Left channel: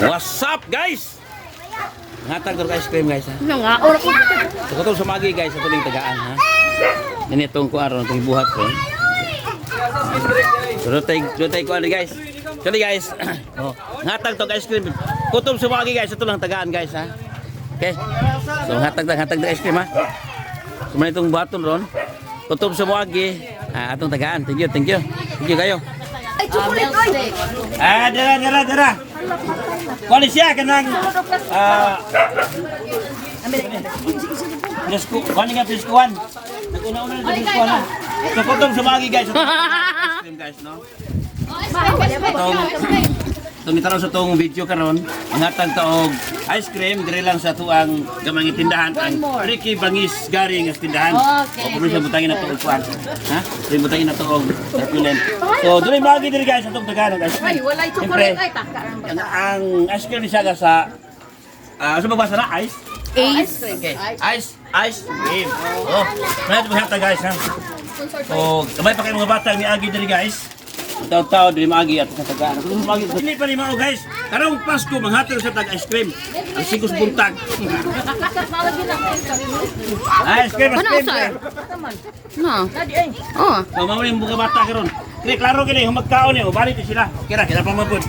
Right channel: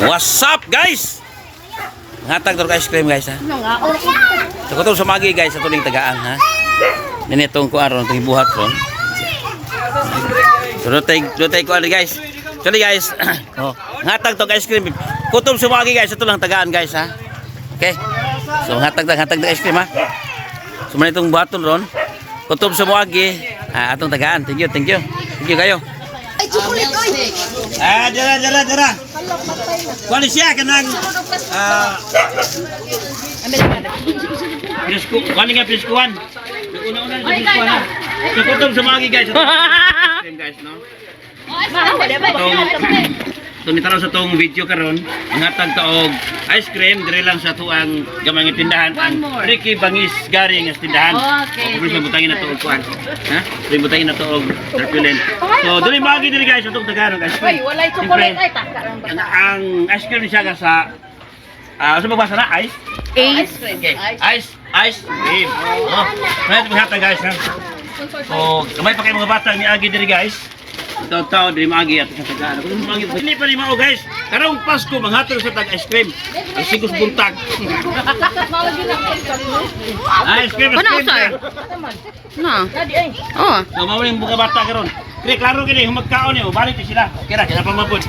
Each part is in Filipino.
What's up guys? Ngatag to ice cream guys ha. So kung sa magi guys sa tuling tagaan ha. Ninitong ko aron tong ibuhat ron. So dutay ko guys. Sorry guys. Oh, ngatag to ice cream. Kutob sa magi guys sa tulang tagaan guys ha. Okay. So ngatag ice cream ha. So man itong buhaton ron. Kutob sa magi atong tagaan. Thank you. Thank you kayo. Ay, chocolate oy. Dara. Kuan siya kanang Presko, kani nga preskuan. Naguna-una sa preskuan ha. So kutob sa magi guys. Guys no. Ito nitaraw sa tong video karon, ngatag taog ice cream diri lang sa tuang gamay nga tindahan ang Ricky Bangis Garing nga tindahan. Okay. Kung butangin na to og kuan. Ha? Butangin na to og turbulent. So diri magi diri guys atong Tagalog ice cream. Wala chocolate ay taka. Ang ice cream siya sa sa magbasa na ice. Okay. Ice cream. Oh, kaya ito guys ha. So, kamay pa kayo mga bata ni Agi diri guys. Taw diri magi at sa tagaan. Kung magi hindi pa ni mao guys. Karong Pasko manghatag sa tag ice cream. Sigos buntag. Ice cream. No. Oh. So mao ning buka bata karon. Kini klaro kini humagkaon ni, balik sila. Okay ra, kaya pamabod.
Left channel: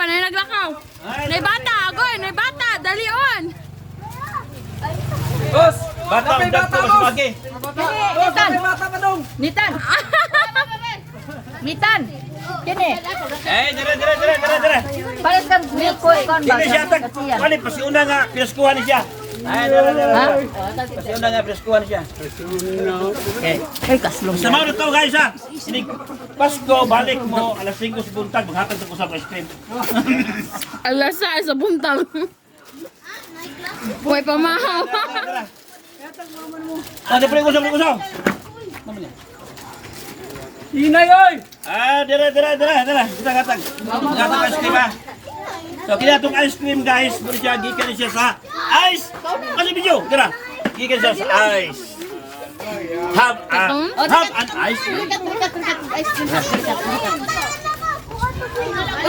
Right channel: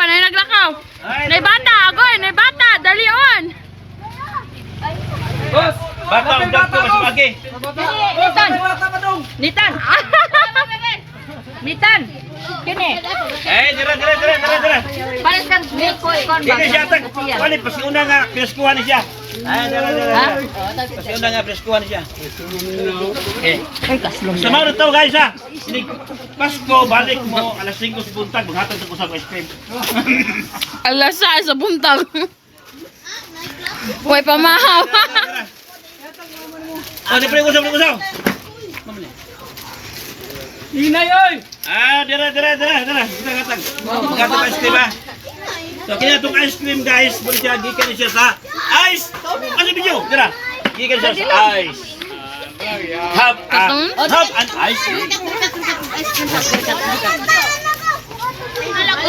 Panay naglakaw. Nay bata, agoy, nay bata, dali on. Boss, bata ug dagko mas magi. Nitan. Kini. Dira. Pares kan milk ko kon ba. Dili siya tag, wali pasiuna nga piniskuhan ni siya. Dira. Pasiuna nga piniskuhan siya. Okay. Ay kaslong. Sa mga tao guys ha. Sinig Pasko balik mo alas 5 sa buntag maghatag sa kusang ice cream. Alas sa buntag. Way pamahaw. Ano pre kusang? Inay oy! Dira. Kita katag. Maghatag ice cream ha. So kaya itong ice cream guys, muli siya gikan siya sa ice. Ano video? Dira. Gikan siya sa ice. Have an ice cream.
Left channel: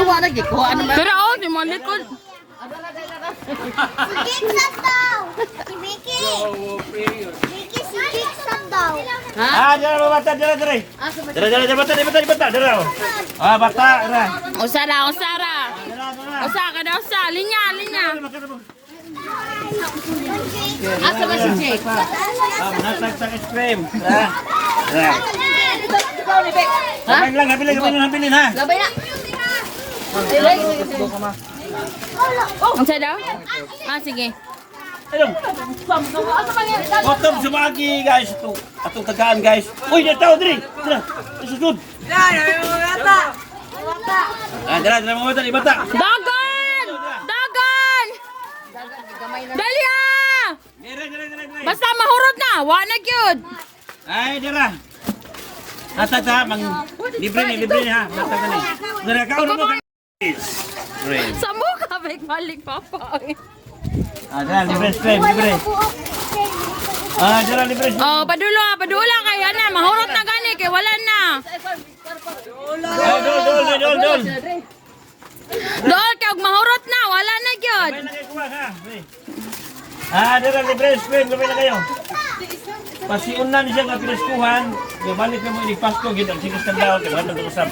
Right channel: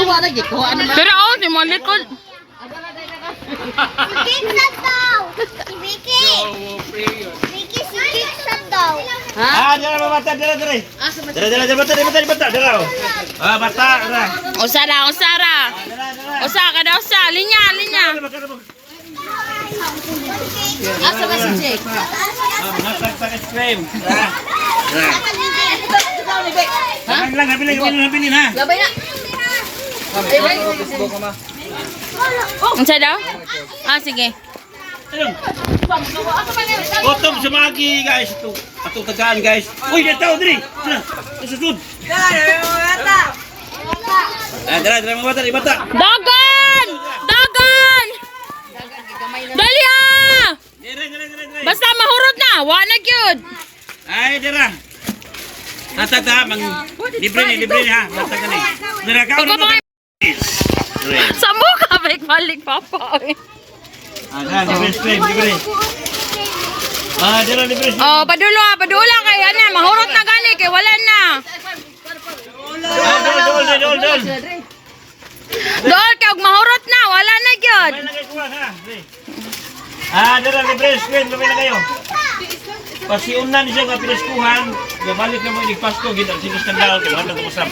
Uwa lagi ko ano man. Pero oh, di mo likod. Dira bata. Dira. Dira. Bata. Dira. Usara. Usa kada usa, linya. Asa ba si Jake? Maghatag sa ice cream. Dira. Sabay lang, habilin ha. Labay na. Unsa daw? Sige. Ayun. Otong sa magi guys ito. Atong tagaan guys. Uy, dito diri. Dira. Susud. Dira mga bata. Dagan! Dali ah! Dira. Basta mahurot na, wa na gyud. Ay, dira. Tata mang libre ni ha. Basta ka ni. Dira ka mo. Sa mukha balik papa. Dira libre. Dira libre. Oh, padula kay ana, mahurot na gani kay wala na. Dol. Dol kay og mahurot na, wala na gyud. Dira libre screen, lumi na kayo. Pasiunan siya nga piniskuhan, balik na mo inig Pasko gid ang sinis tandaan kay wala ko usab.